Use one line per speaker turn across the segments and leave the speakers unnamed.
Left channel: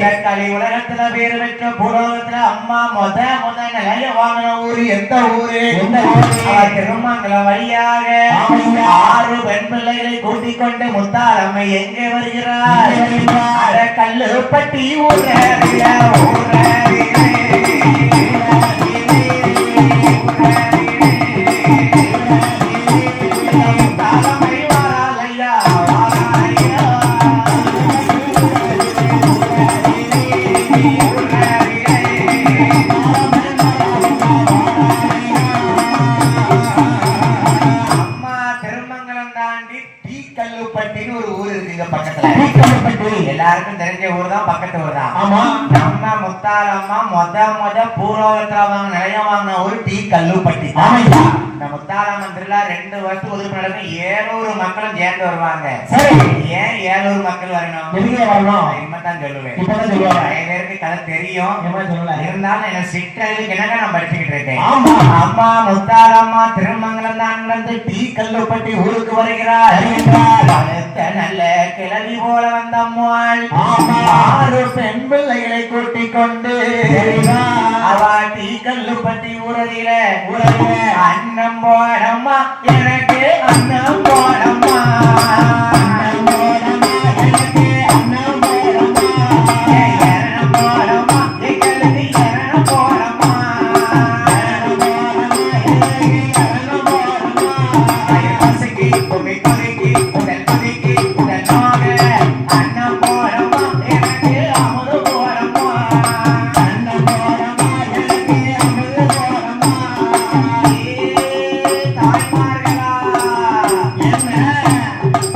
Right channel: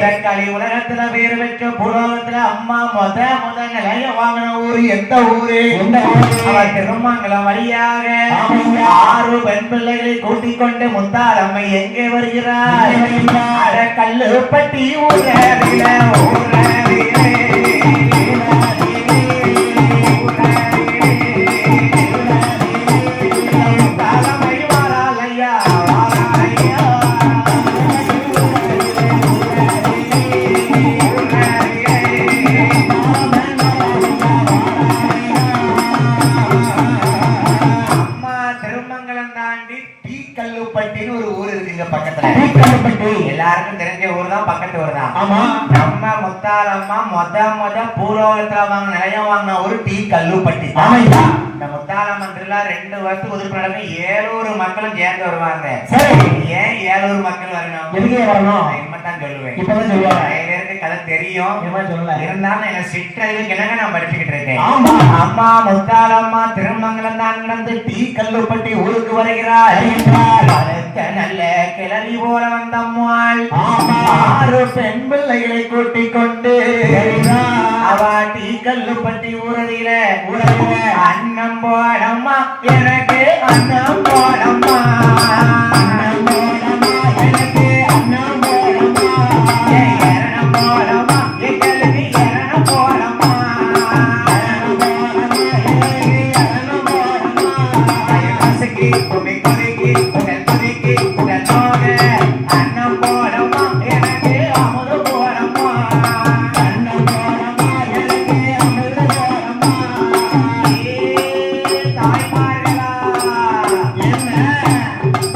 கலை உலகத்துல பேர் வச்ச பூலோகத்துல அம்மா முத முத நிலைய வாங்கின ஊரு எந்த ஊரு
எந்த ஊரு?
திருமங்கலம் வழியாக. ஆறு பெண் பிள்ளைகளை கூட்டிக் கொண்டு எங்கே வருகிறார்
எங்கே வருகிறார்?
அட கல்லுப்பட்டி ஊரறிய ஊரறிய கல்லுப்பட்டின்னு ஒரு ஊர் இருக்கு இங்க பக்கத்துல
தீக்கல்லுப்பட்டி.
எல்லாருக்கும் தெரிஞ்ச ஊர் தான் பக்கத்து ஊர் தான்
ஆமா.
நம்ம மொத மொத பூலோகத்துல வாங்க நிலையம் வாங்கின ஊர் டீ கல்லுப்பட்டி தான். ரெண்டு வருஷம் நடக்கும் ஏழூர் மக்களும் சேர்ந்து வருவாங்க
சரி.
ஏன் ஏழூர் மக்கள் வரணும்
வரணும்?
சொல்லுவேன்
இப்பதான் சொல்லுவேன்.
கதை தெரியும்
சொல்லல?
இருந்தாலும் என்ன சிற்றறிவுக்கு இணங்க நான் படிச்சுக்கிட்டு இருக்கேன்
ஆமா.
அம்மா முத்தாரம்மா திருமங்கலம் தான் வந்து டீ கல்லுப்பட்டி ஊருக்கு வருகிறார் நல்ல கிளவி போல வந்த அம்மாள். ஆறு பெண் பிள்ளைகளை கொண்டு
வருகிறார்.
அவ டீ கல்லுப்பட்டி ஊரதில
ஊரதில. என்ன?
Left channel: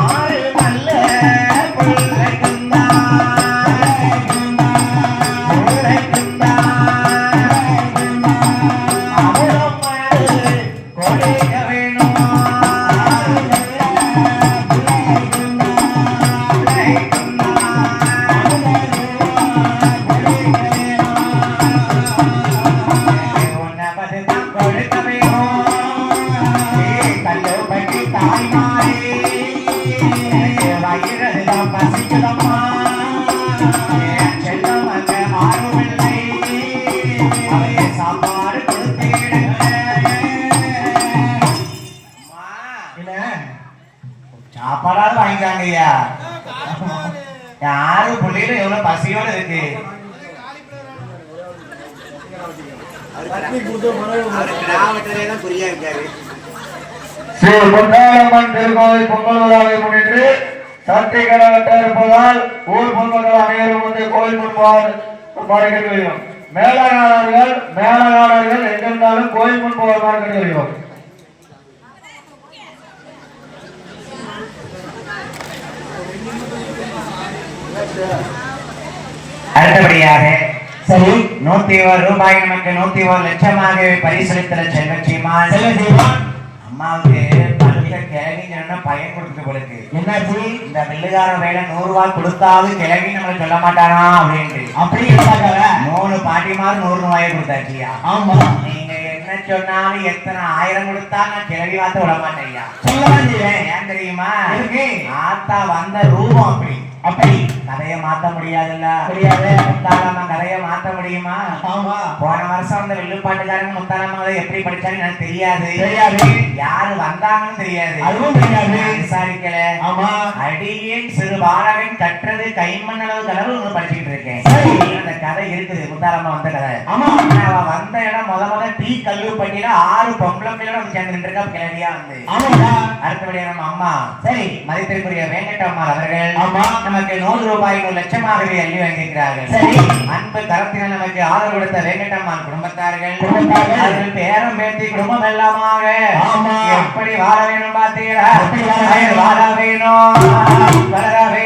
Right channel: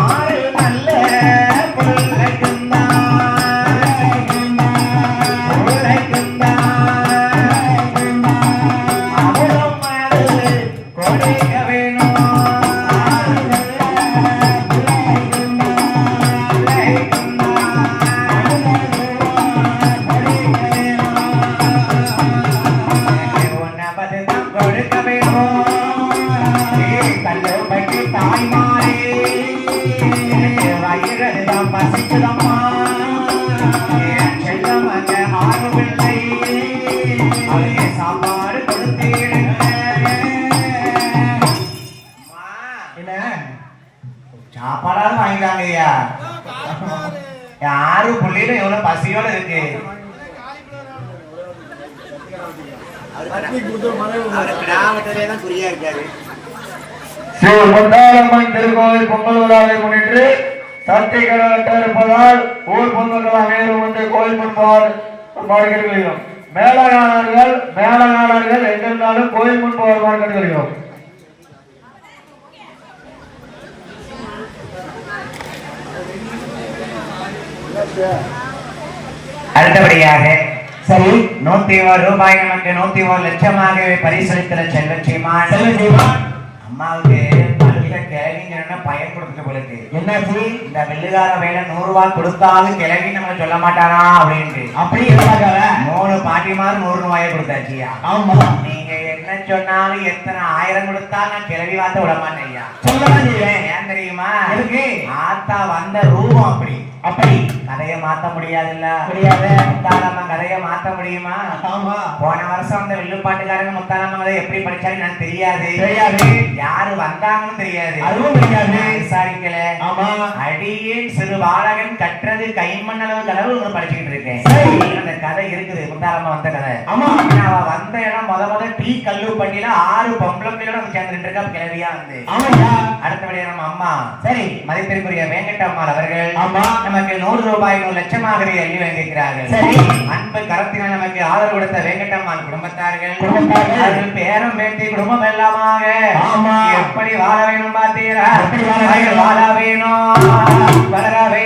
ஆறு
ஸ்ரீ திருக்கோவில் பொங்கல் விழாவை முன்னிட்டு சக்தி கடற்கட்ட இருப்பதால் ஊர் பொதுமக்கள் அனைவரும் வந்து கோயில் முன்பால் வருகிறோம் மேலாளர்கள் மேலாளர்கள் எங்கிருந்தாலும் கோயில் முன்பால் வருகிறோம்
அடுத்தபடியாக
சரி
நூத்தி ஒரு ரூபாய் நமக்கு நூத்தி ஒரு லட்சமாக பரிசளித்த செல்வ சீமான்
செல்வ சீமான்.
அம்மாவுக்கு பயன் கொடுத்து
என்னாச்சு
இந்த மில்லுகார வேலை நூறு ரூபாய் கொடுத்தாலும் கிழவி நம்மள சொல்ல மாட்டானா அப்படின்ட்டு
அப்படி இருந்தாங்க
மூணு பாட்டிமார் நூறு ரூபாயை கொடுத்தாச்சியா
ஆமா
நீங்க என்ன சொன்னாலும் எத்தனை ஆயிரம் கொடுத்தா நான் கிளவி வார்த்தை விட
செய்வேன்
ஏன் தெரியுமா? ஆத்தா வந்த ரூபம் அப்படி
அப்படி
கதையை மாத்த முடியாதுல்ல
முடியாது.
கதையை மாத்த முடியுமா?
ஆமா.
போன வருஷம் அந்த வில்லுப்பாட்டுக்காரன் முத்தாலம்மாவை எப்படி படிச்சான்னு எனக்கு தெரியாது.
தெரியாது.
யாரு வந்தாங்கன்னு தெரியாது.
அதுவும் தெரியாது.
விசாரிக்கல.
ஆமா.
அடியேன் சிறு பாலகன் கற்றது கைமண்ணளவு கனவு ஒண்ணு படிச்சுக்கிட்டு இருக்கேன். அந்த கதை இருக்குது. முத்தாலம்மா வந்த கதை.
ஆமா.
ஆனா அவ வந்த இடம் டீ கல்லு பண்ணில ஆறு பொம்பளை பிள்ளையோட சேர்ந்துட்டு இருக்கா கிளவியா வந்து
ஆமாய்யா
அடுத்தபடி நம்ம அம்மா
சரி
மதிப்பிற்குரிய வெங்கடம்மா அவர்கள்
ஆமா.
நமக்கு நூறு ரூபாய் ஒரு லட்சமாகவே அள்ளி வந்திருக்கிறார்கள்
சரி.
அன்பு கரத்தினால் நமக்கு ஆதரவு கொடுத்த வெங்கடம்மா குடும்பத்தார்கள்
குடும்பத்தார்கள்.
அவர்கள் பேரம் பேத்தி குடும்பம் எல்லாமாக. எப்படி வாழ வேணும் பார்த்தீங்களா?
வாழ வேணும்
வளர வேணும்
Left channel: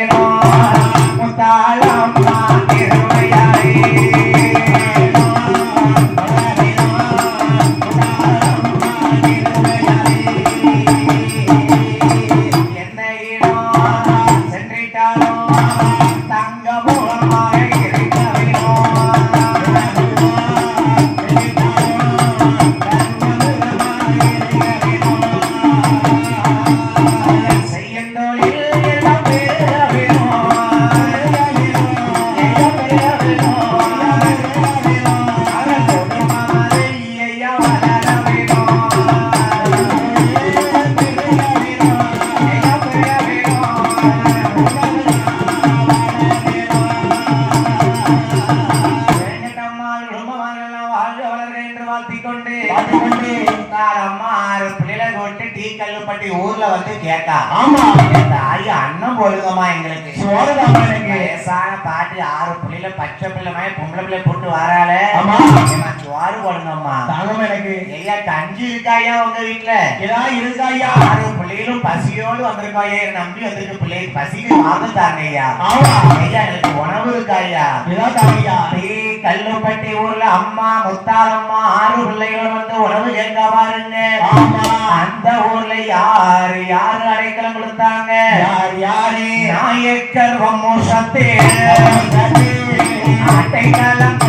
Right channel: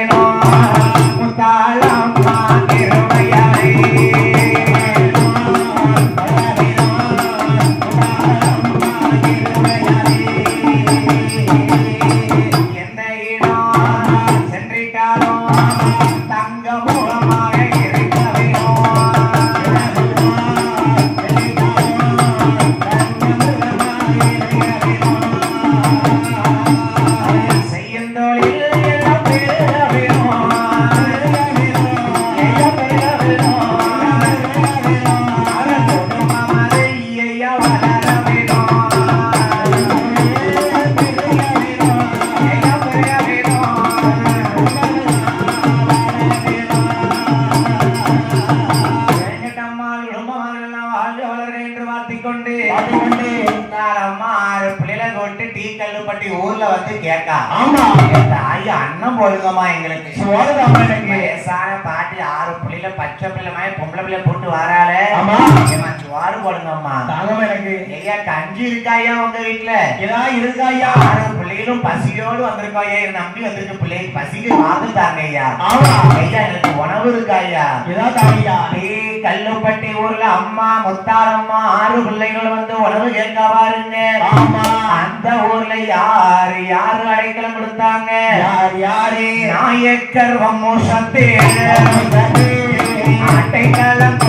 பசியோடு வந்திருக்காயா? நம்பி வந்திருக்கு பிள்ளை. பசிக்கு வாங்கிட்டாங்க ஐயா ஐயா எனக்கு உணவு
ஏதாவது தாங்கய்யா
டீ கல்லுப்பட்டி ஊர்ல அம்மா முத்தாரம்மா ஆறு பிள்ளைகள் வந்து உணவு கேட்க பாருங்க. அந்த ஊர்ல யாரு யாரு அடைக்கலம் கொடுத்தாங்க?
யார் யாரு?
நாயக்கர் வம்சத்தே. அடைக்கலம்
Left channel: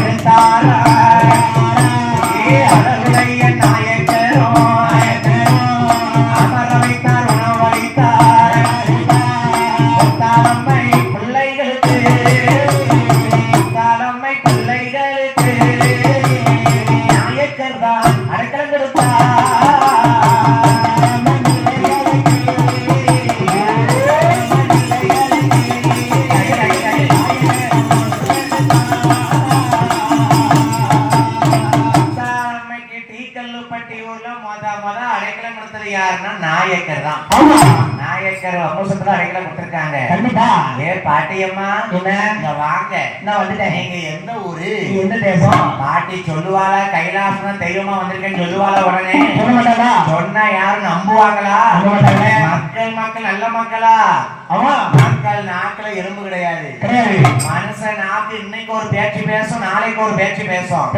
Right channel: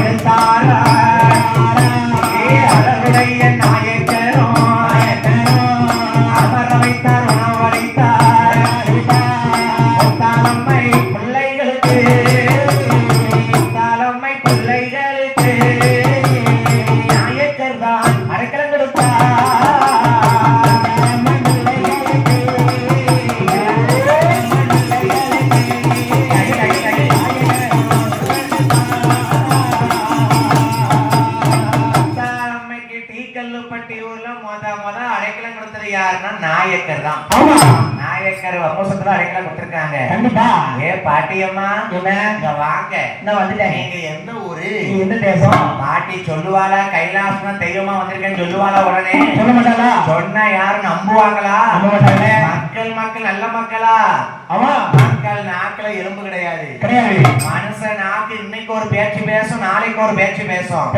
பாட்டி சொல்லுவாளா? கைலாசம் தெய்வமா வந்திருக்கேன்னு சொல்லுவாளா உடனே? சொன்னா யாரும் நம்புவாங்களா. மக்கள் மக்கள் நல்ல மக்களா?
ஆமா.
மக்கள் நாக்குல எலும்பு கிடையாது. மனுஷன் நாக்கு இன்னைக்கு ஒரு பேச்சு பேசும் நாளைக்கு ஒரு பேச்சு பேசும்.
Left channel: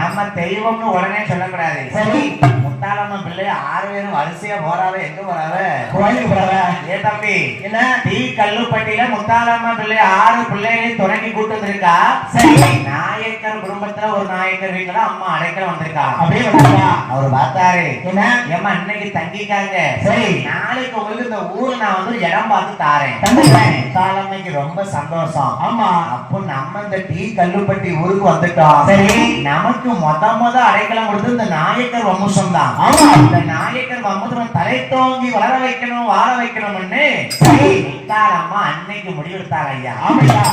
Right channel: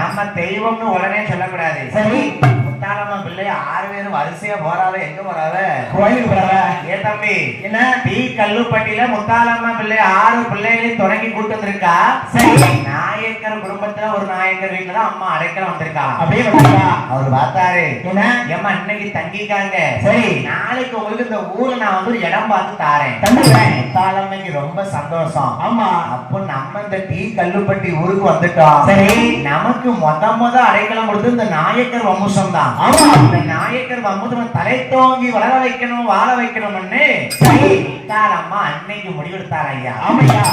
நம்ம தெய்வம்னு உடனே சொல்லக்கூடாது.
சரி.
முத்தாளம்மன் பிள்ளை ஆறு பேரும் வரிசையா போறாவ எங்க போறாவ?
கோயிலுக்கு போற
ஏ தம்பி
என்ன?
டீ கல்லுப்பட்டியில முத்தாலம்மா பிள்ளை ஆறு பிள்ளைகளையும் தொடங்கி கூட்டு வந்திருக்கா?
சரி.
நாயக்கர் குடும்பத்துல ஒரு நாயக்கர் வீட்டுல அம்மா அடைக்கல வந்திருக்கா.
அப்படியே
அவர் பார்த்தாரு.
என்ன?
ஏம்மா இன்னைக்கு தங்கிக்காங்க.
சரி.
நாளைக்கு உங்களுக்கு இந்த ஊர்ல நான் வந்து இடம் பார்த்து தாரேன்.
தந்துடுறேன்.
முத்தாலம்மைக்கு ரொம்ப சந்தோஷம்.
ஆமா.
அப்போ நம்ம இந்த டீ கல்லுப்பட்டி ஊருக்கு வந்துட்டோம்.
சரி.
நமக்கு மொத மொத அடைக்கலம் கொடுத்து இந்த நாயக்கர் வம்சம் தான் இந்த நாயக்கர் வம்சம் தலை தோங்கி வளர வைக்கணும் வாழ வைக்கணும்னு
சரி.
முத்தாலம்மா அன்னைக்கு முடிவெடுத்தாங்க ஐயா.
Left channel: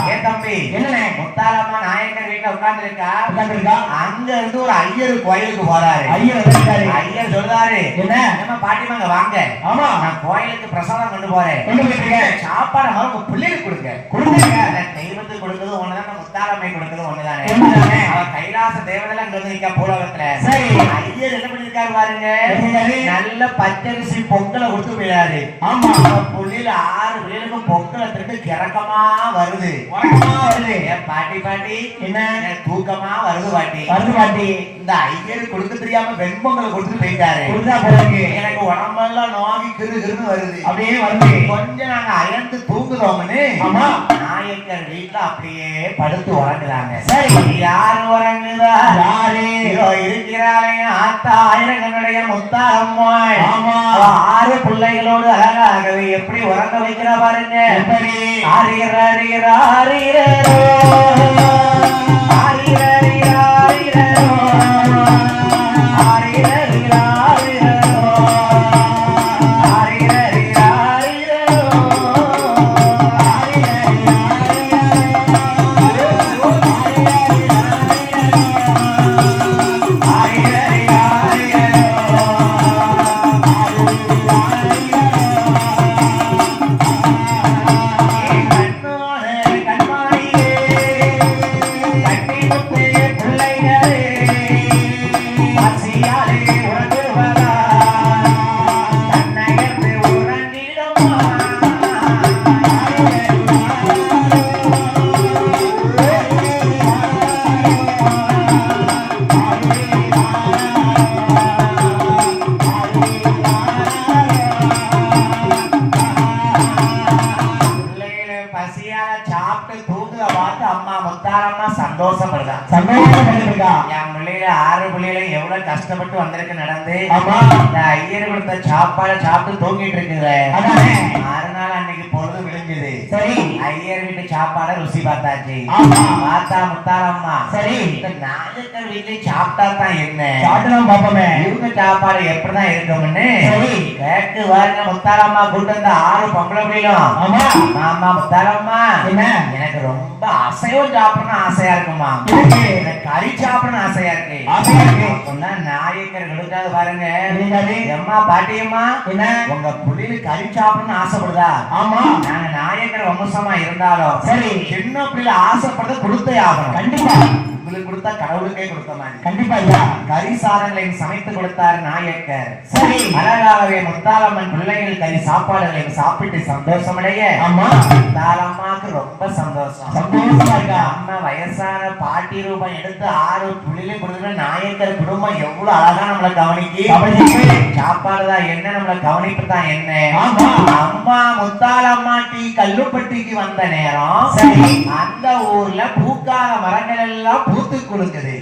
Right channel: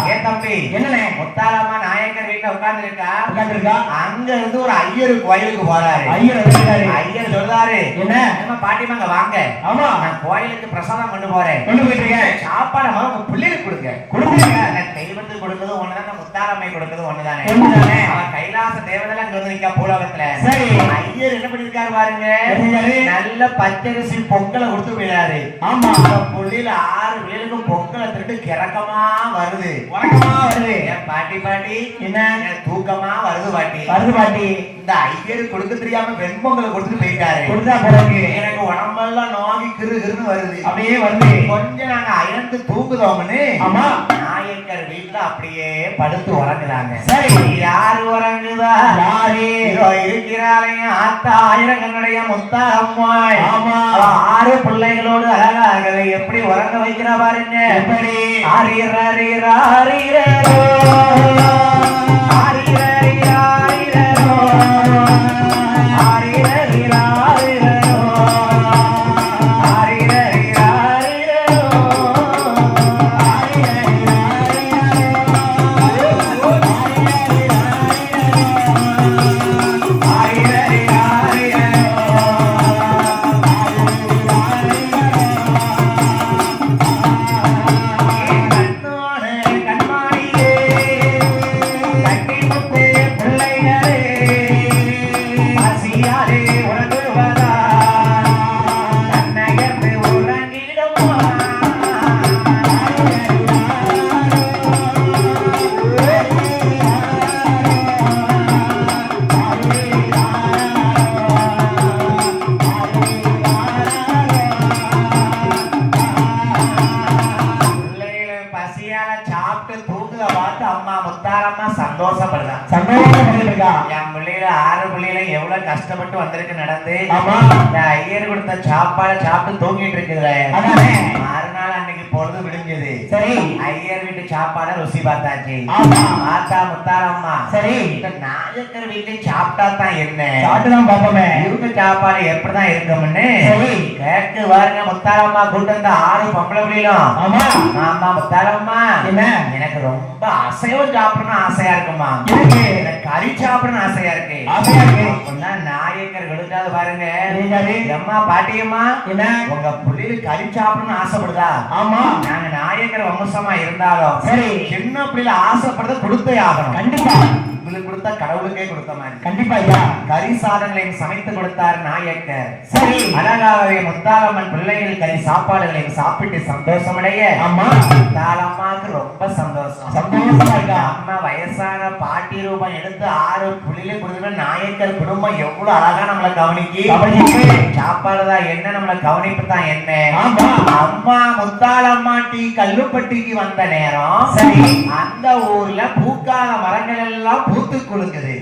ஏ தம்பி
என்னண்ணே?
முத்தாலம்மா நாயக்கர் வீட்டுல உட்கார்ந்து இருக்கா
உட்கார்ந்திருக்கா?
அங்க இருந்து ஒரு ஐயர் கோயிலுக்கு போறாரு
ஐயர்.
ஐயர் சொல்றாரு
என்ன?
நம்ம பாட்டிமாங்க வாங்க
ஆமா.
நான் கோயிலுக்கு பிரசாதம் கொண்டு போறேன்
கொண்டு போயிட்டு.
சாப்பாடு பிள்ளைகளுக்கு கொடுங்க
கொடுங்க.
தெய்வத்துக்கு கொடுத்தது ஒண்ணுதானே முத்தாலம்மை கொடுத்தது ஒண்ணுதானே? கைலாச தேவதை அங்க வந்து நிக்கா பூலோகத்துல.
சரி.
ஐயர் என்ன பண்ணிருக்காரு பாருங்க? நல்ல பச்சரிசி பொங்கலை கொடுத்து விழாரு
ஆமா.
புள்ளில ஆறு பேருக்கும் பொங்கலை திட்டு கிறக்கமா வருது. பாட்டி பாட்டி.
என்ன?
தூக்கமா வருது பாட்டி.
வருது பாட்டி.
இந்த ஐயர் கொடுக்க தெரியாம வெண்பொங்கல் கொடுத்து போயிட்டாரு.
கொடுத்தா.
எனக்கு உடம்பெல்லாம் நோகி கிரு கிருன்னு வருது.
அப்படியே வருது.
கொஞ்சம் நாங்க அயர்ந்து தூங்குதோம்னு.
ஆமா.
நாயக்கர் வீட்டுல அப்படியே படுத்து உறங்குறாங்க.
சரி.
யாரோ உறங்குதா?
யாரு?
இருக்கிறாளே ஆத்தா ஆயிரங்கனுடைய முத்தாரம்மாள்.
ஆமா.
ஆறு பிள்ளைகளோடு அழகாகவே எப்படி உறங்க வைக்கிற பாருங்க.
எப்படி?
ஆரியர் ஆரியர் ஆரியரோ தான் என்ன
சாப்பிட்டு பாப்போமே.
இவங்க சாப்பாடு எப்படிதான் இருக்கும்னு
சரி.
கேக்கு பாருங்க முத்தாரம்மா கூட்டு வந்த ஆறு பொம்பளை மீளும்
ஆமா.
ஆமா முத்தாரம்மா.
என்ன?
எனக்கு ரொம்ப அசைவம் சாப்பிடணும்னு ஆசையா இருக்குமா
இருக்கு.
எனக்கு கறி சாப்பிடணும்னு ஆசையா இருக்கு.
ஆசையா இருக்கு.
அப்படின்னா நாயக்கர்களுக்காவது பாருங்க? அம்மா பாட்டியம்மா.
என்ன?
உங்க புள்ளியில கறி சாப்பிடணும்னு ஆசைப்படுதா?
ஆமா.
நாங்க நாயக்கர் வம்சமா இருந்தாலும்
சரி.
சின்ன பிள்ளைல ஆசைப்படுறத கொடுத்தே ஆகணும்.
கண்டிப்பா.
உங்களுக்கு கொடுத்தா கடவுளுக்கே கொடுத்த மாதிரி
கண்டிப்பா ஐயா.
கறி சாதங்களை சமைத்து கொடுத்தார் நாயக்கர்.
சரி.
அழகாகவே முத்தாரம்மன் பிள்ளைகள் கறி சாப்பாடுகளை சாப்பிட்டு சந்தோஷமடைய.
ஆமா.
முத்தாரம்மாக்கு ரொம்ப சந்தோஷம்.
சந்தோஷமா இருக்கா?
அம்மா வயசான பாட்டி ரூபம் எடுத்து ஆறு புள்ளில கொடுத்து நாயக்கர் குடும்பம் எவ்வளவு அழகா நம்மளை கவனிக்கு?
கவனிக்கு.
சாப்பாடு தான் என்ன? நம்மளை கவனிப்பு தான் என்ன. அம்மா முத்தாலம்மா டீ கல்லுப்பட்டிக்கு வந்த நேரம்
சரி.
அந்த ஊர்ல பூக்கால மரங்கள் எல்லாம் பூத்து குலுங்குது.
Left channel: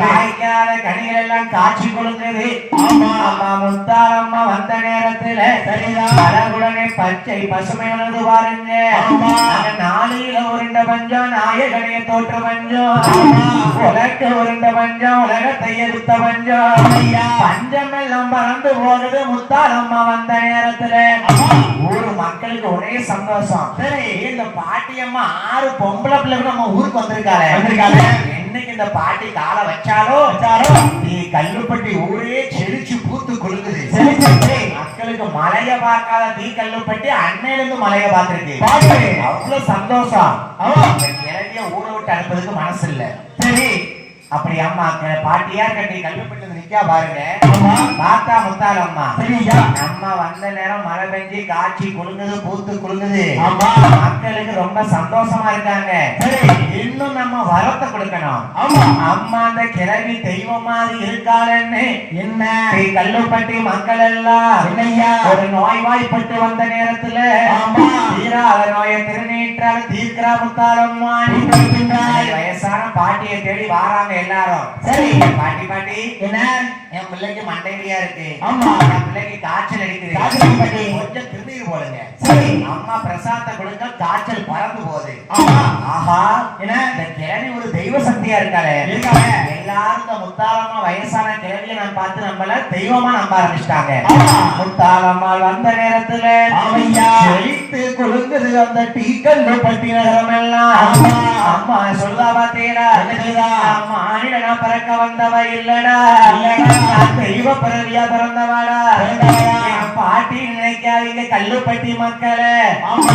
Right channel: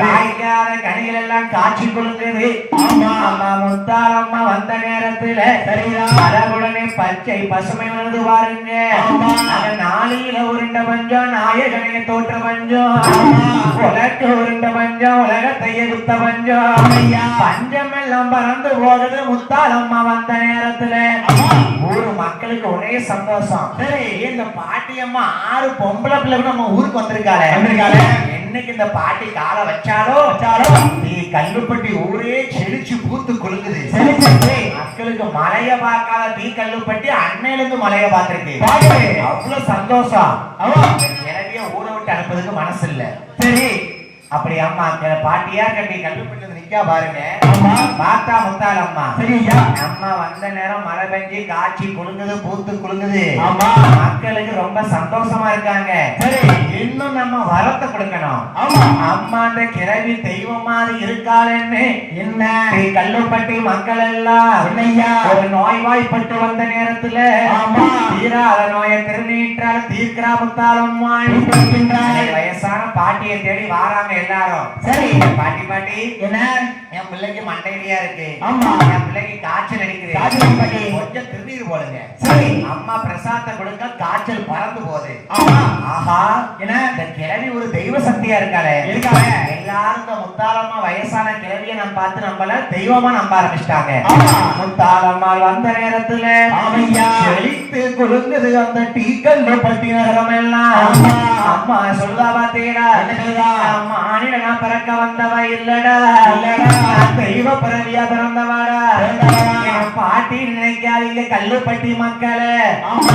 காய்க்காத கனிகள் எல்லாம் காட்சி கொடுக்குது
ஆமா.
அம்மா முத்தாலம்மா வந்த நேரத்துல. அழகுடனே பச்சை பசுமை உணர்ந்து பாருங்க
ஆமா.
நாளையில உருண்ட பஞ்சம் நாயகனே தோற்ற பஞ்சம்
ஆமா.
உலக்கு உருண்ட பஞ்சம் உலகத்தை எடுத்த பஞ்சம்
ஐயா.
பஞ்சம் எல்லாம் பறந்து போகுது முத்தாலம்மா வந்த நேரத்துல ஒரே சந்தோஷம் சரி இந்த பாட்டியம்மா ஆறு பொம்பளை பிள்ளை நம்ம ஊருக்கு வந்திருக்காரு
வந்திருக்காரு.
என்னைக்கு இந்த பாட்டி காலை வச்சாலோ நீ கல்லுப்பட்டி ஊரே செழிச்சு பூத்து கொள்ளுது. மக்களுக்கு மலைய பார்க்காத தீ கல்லுப்பட்டி அன்னையில இருந்து மலைய பார்த்திருக்கு. அவ்வளவு சந்தோஷம். இறங்கிய ஊரை விட்டு அனுப்புறதுக்கு மனசு இல்ல
சரி
அப்படி அம்மா பாட்டியா கட்டி கல்லுப்பட்டி நிக்கா பாருங்க. மாத்தா முத்தாலம்மா
சரி ஐயா
அம்மா வந்த நேரம் மழை பெஞ்சு காய்ச்சி குலுங்குது பூத்து குலுங்குது
ஆமா.
மக்களுக்கு ரொம்ப சந்தோஷமா இருக்காங்க. இன்னும் நம்ம வரத்தை கொடுக்கணும். அம்மா அந்த கிழவி தெய்வம் மாதிரி இருக்காளன்னு
என்ன
கல்லுப்பட்டி மக்கள் எல்லாம்
என்னய்யா?
ஒரு நோய்வாய்ப்பட்டு வந்த நேரத்துல
ஆமா.
தீராத நோயை திருநீற்றால் தீர்க்கிறா முத்தாலம்மாள்
பின்னாய்.
வயசான பாட்டியை தேடி வாராங்க எல்லாரும்
சரி.
பாட்டி பாட்டி
என்ன
என் பிள்ளைக்கு மண்டையிலியா இருக்கு
ஆமா.
என் பிள்ளைக்கு காய்ச்சல் அடிக்குது. கொஞ்சம் திருநீர் போடுங்க
சரி
அம்மா பிரசாதத்தை கொடுங்க காய்ச்சல் பறந்து போகுது. ஆஹா
என்ன?
இந்த கிழவி ஒரு தெய்வ சக்தியா இருக்காளே
இருக்காளே.
எல்லாரும் முத்தாலம்மா வயசான கிழவிய நம்ம பார்த்து நம்மள தெய்வமா நம்ப ஆரம்பிச்சிட்டாங்க
ஆமா.
முத்தாலம்மாள் வந்த நேரத்துல. செழித்து குலுங்குது அந்த டீக்கல்லு பட்டி நகரம் எல்லாம். அம்மா சொல்லா
சொல்றா?
அம்மா ஆணிடனா பிறக்க வந்தவ இல்லடா. நான் தெய்வ பிறவியா பிறந்தவாடா பாட்டி நினைக்காதீங்க கல்லுப்பட்டி மக்களே
ஆமா.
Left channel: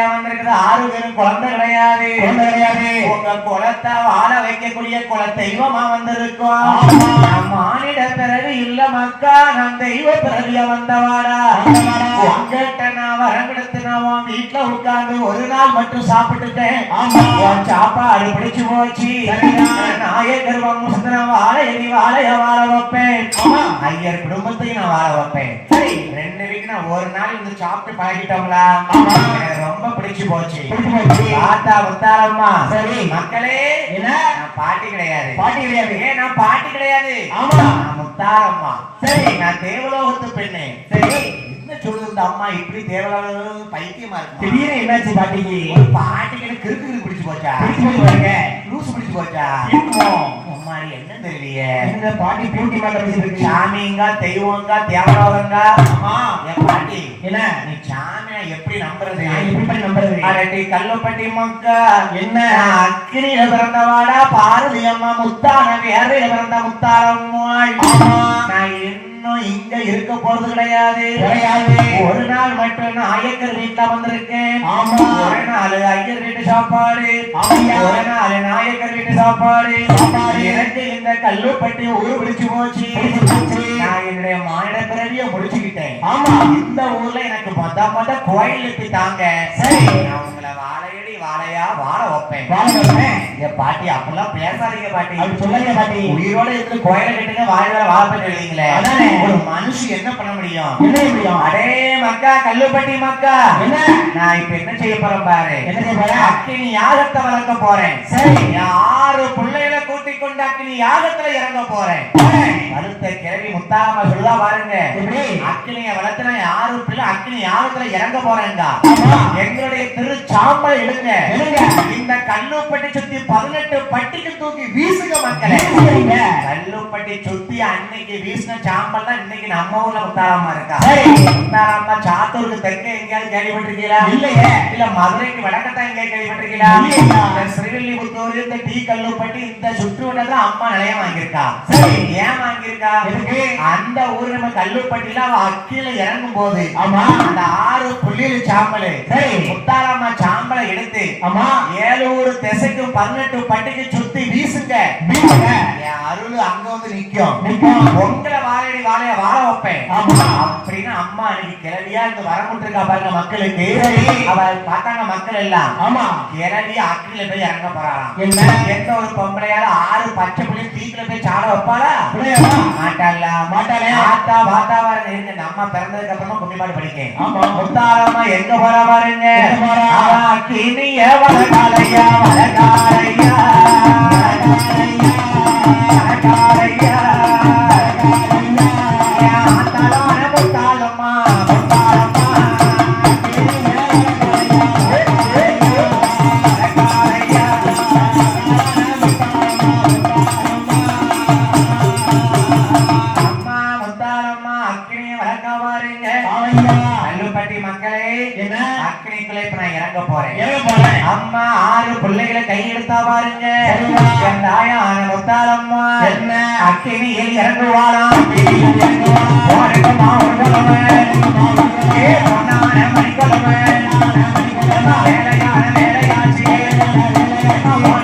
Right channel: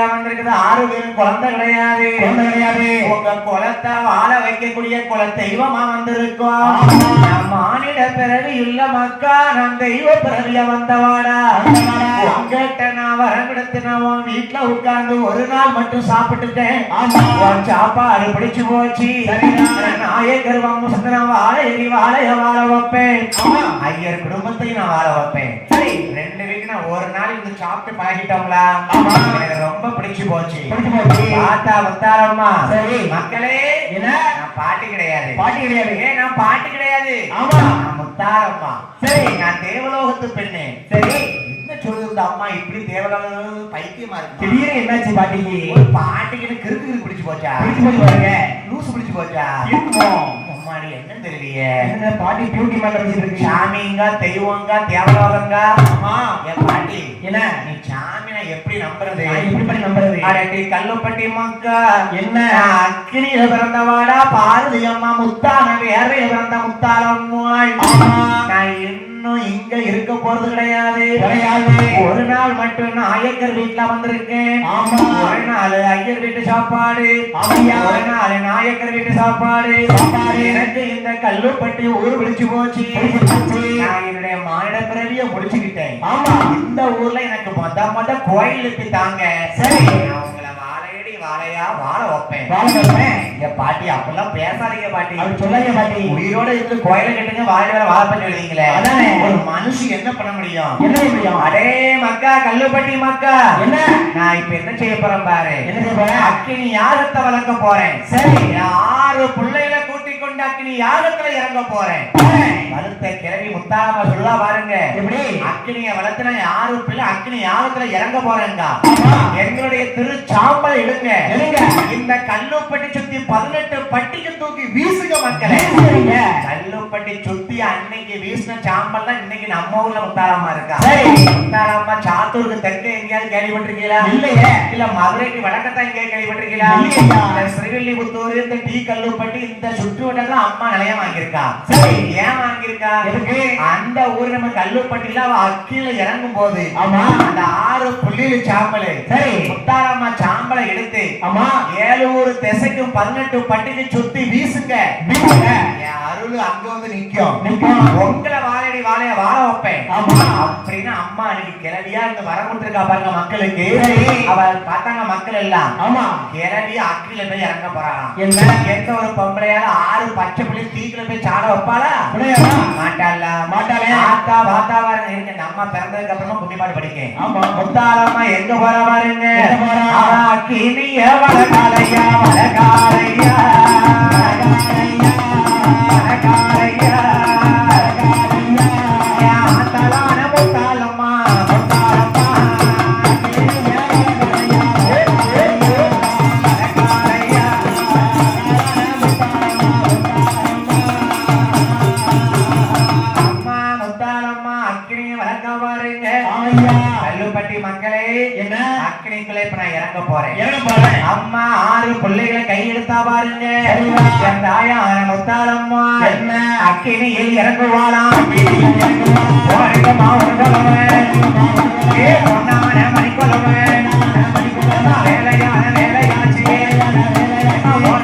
குழந்தையா வந்திருக்கிறது ஆறு பேரும் குழந்தை கிடையாது.
கிடையாது.
உங்க வாழ வைக்கக்கூடிய குல தெய்வமா வந்திருக்கோம் மானிட பிறவி இல்ல மக்கா தெய்வ பிறவிய வந்தவாடா?
ஆமாடா.
உங்ககிட்ட நான் வரங்கெடுத்துனவன் வீட்டுல உட்கார்ந்து ஒரு நாள் மட்டும் சாப்பிட்டுட்டேன். சாப்பாடு பிடிச்சு போச்சு. நாயகர் வம்சத்திரம் வாழையடி வாழைய வாழ வைப்பேன். ஐயர் குடும்பத்தையும் நான் வாழ வைப்பேன். ரெண்டு வீக்கு நான் ஒரு நாள் இந்த சாப்பிட்டு ரொம்ப பிடிச்சு போச்சு. ஆத்தா வந்தாரம்மா
சரி.
மக்களே
என்ன?
நான் பாட்டி கிடையாது
பாட்டி கிடையாது.
ஏன் நான் பாட்டி கிடையாது
ஆமா.
நான் முத்தாரம்மா
சரி.
நான் தேவலோகத்து பெண்ணு
சரி.
என்ன சொல்லுது இந்த அம்மா இப்படி தேவலோகம் பைத்தியமா இருக்கு
திடீர்னு என்னாச்சு பாட்டிக்கு
பாட்டிக்கு கிறுக்கு பிடிச்சு போச்சா
பிடிச்சு போச்சு.
லூசு பிடிச்சு போச்சா என்ன தெரியலையே
என்ன பாட்டி பியூட்டி மேல வச்சிருக்கு
சாமிங்க தெய்வங்க தேவலோகங்க. என் பாட்டி
என்ன
நீ சாமி எப்படி நம்புறது
எப்படி நம்புறது
அடடி கல்லுப்பட்டி மக்கா
என்ன?
அக்கினியில பிறந்தவாடா பாரதி அம்மா முத்தான வேர்வையில பிறந்த முத்தாரம்மாள். நான் இன்னும் இங்க இருக்க போறது கிடையாது. ஒரு நாள் மட்டும் நான் ஐயக்கர் வீட்டுல வந்திருக்கேன். ஒரு நாள் ஐயர் வீட்டு சாப்பாடு. ஒரு நாள் நாயக்கர் வீட்டு சாப்பாடு. எனக்கு இந்த கல்லுப்பட்டி ஊரு பிடிச்சு போச்சு. நான் என்னுடைய மானிட பிறவிய முடிச்சுக்கிட்டேன். இந்த ஊர்ல எனக்கு மொத்த கோயிலுக்கு தாங்க
சரி.
நான் உங்களை வாழையடி வாழையா வாழ வைப்பேன். இங்க பாட்டி அப்பெல்லாம் பேசாதீங்க பாட்டி
அப்படி சொல்லாதீங்க பாட்டி.
உயிரோட இருந்து கோயில கட்டுங்க வாழ வாழ பண்ணி எழுதிங்களே
அதானே.
ஒரு மனுஷி என்ன பண்ண முடியும்
என்ன செய்ய முடியும்?
அடே மக்கா கல்லுப்பட்டி மக்கா
என்ன?
நான் இப்ப என்ன செய்ய போறேன் பாரு
என்ன செய்ய போற?
அக்கினி யாகத்தை வளர்க்க போறேன்
சரி.
நான் ஆறு பிள்ளைகளை கூட்டிக் கொண்டு அக்கினி யாகத்துல இறங்க போறேன். வலுத்த கிழவி முத்தாரமா சொல்லுவா பாருங்க.
எப்படி?
அக்கினிய வளர்த்துனா யாரு பிள்ளை? அக்கினி யாகத்துல இறங்க போறேங்க. எங்களுடைய திரு சாம்பலை எடுங்க. இந்த கல்லுப்பட்டி சுத்தி பதினெட்டு பட்டிக்கு தூக்கி வீசுங்க மக்களே. கல்லுப்பட்டி சுத்தி அன்னைக்கு வீசின சாம்பல் இன்னைக்கு நம்ம ஊர்ல முத்தாரமா இருக்கா
சரி.
முத்தாரம்மா சாத்தூருக்கு தெற்க எங்கேயாவது கேள்விப்பட்டிருக்கீங்களா
இல்லையே.
இல்ல மதுரைக்கு வடக்கத்தான் எங்கேயாவது கேள்விப்பட்டிருக்கீங்களா ஸ்ரீவில்லிபுத்தூர் இந்த டீ கல்லுப்பட்டி இந்த சுற்று வட்டத்துல அம்மா நிலையம் வாங்கியிருக்கா. ஏன் வாங்கியிருக்கா? அந்த ஊர் நம்ம கல்லுப்பட்டில அவ அக்கில இறங்கும் போது
ஆமா.
அந்த ஆறு புள்ளியில் சாம்பல். முத்தாரம்மா சாம்பலை எடுத்து
ஆமா.
ஏழு ஊர் திசைக்கும் பதினெட்டு பட்டிக்கு சுத்தி வீசுங்க
வீசுங்க.
உங்களை வாழையடி வாழைய வாழ வைப்பேன். அப்படின்னு அம்மா அன்னைக்கு கிளவியா இங்க வரமுட்டிருக்கா பாருங்க மக்களுக்கு. அவள் பார்த்தாங்க மக்கள் எல்லாம்
ஆமா.
கிளவி அக்கில போய் இறங்க போறாளாம்
என்ன?
எந்த ஒரு பொம்பளையால ஆறு பச்சை புள்ளி தீக்குல போய் சாட வைப்பாளா? மாட்டாள
மாட்டாளே.
ஆத்தா வாத்தாவரம் இருக்கு நம்ம பிறந்ததுக்கு அப்புறமா புண்ணியமாடு படிக்கேன்
ஆமா.
முத்தாரம்மா எங்க போற பாருங்க
எங்க போறா?
அவ கிணிய வளகாலையா வளகாலையா வளகாலையா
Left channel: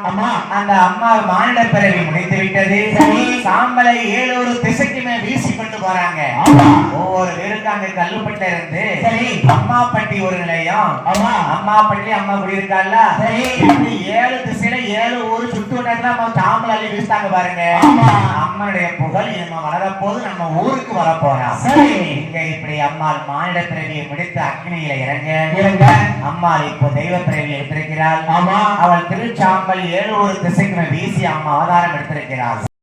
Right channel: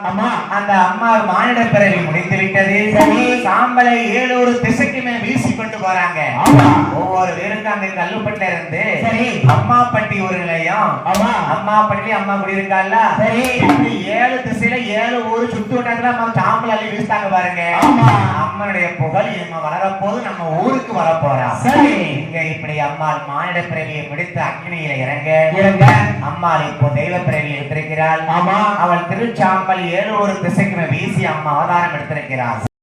மக்கள் எல்லாம்
ஆமா.
அந்த அம்மா மானிட பிறவி முடித்து விட்டது
சரி.
சாம்பலை ஏழு ஒரு திசைக்குமே வீசிக்கொண்டு போறாங்க
ஆமா.
ஒவ்வொரு வீருக்கும் அங்க கல்லுப்பட்டில இருந்து
சரி.
அம்மாப்பட்டி ஒரு நிலையம்
ஆமா.
அம்மாப்பட்டி அம்மா குடி இருக்கால
சரி.
ஏழு திசையில ஏழு ஊரு சுத்து விட்டதுல நம்ம சாம்பல் அள்ளி வீசிட்டாங்க பாருங்க
ஆமா.
அம்மனுடைய புகழ் நம்ம வளரப்போது நம்ம ஊருக்கு வரப்போறோம்
சரி.
இங்க இப்படி அம்மாள் மானிட பிறவியை முடித்து அக்னியில இறங்க
இறங்க.
அம்மாள் இப்போ தெய்வ பிறவியை
ஆமா.
அவள் திருச்சாம்பல் ஏழு ஒரு திசைகளை வீசி அம்மா ஆதாரம் எடுத்திருக்கிறார்.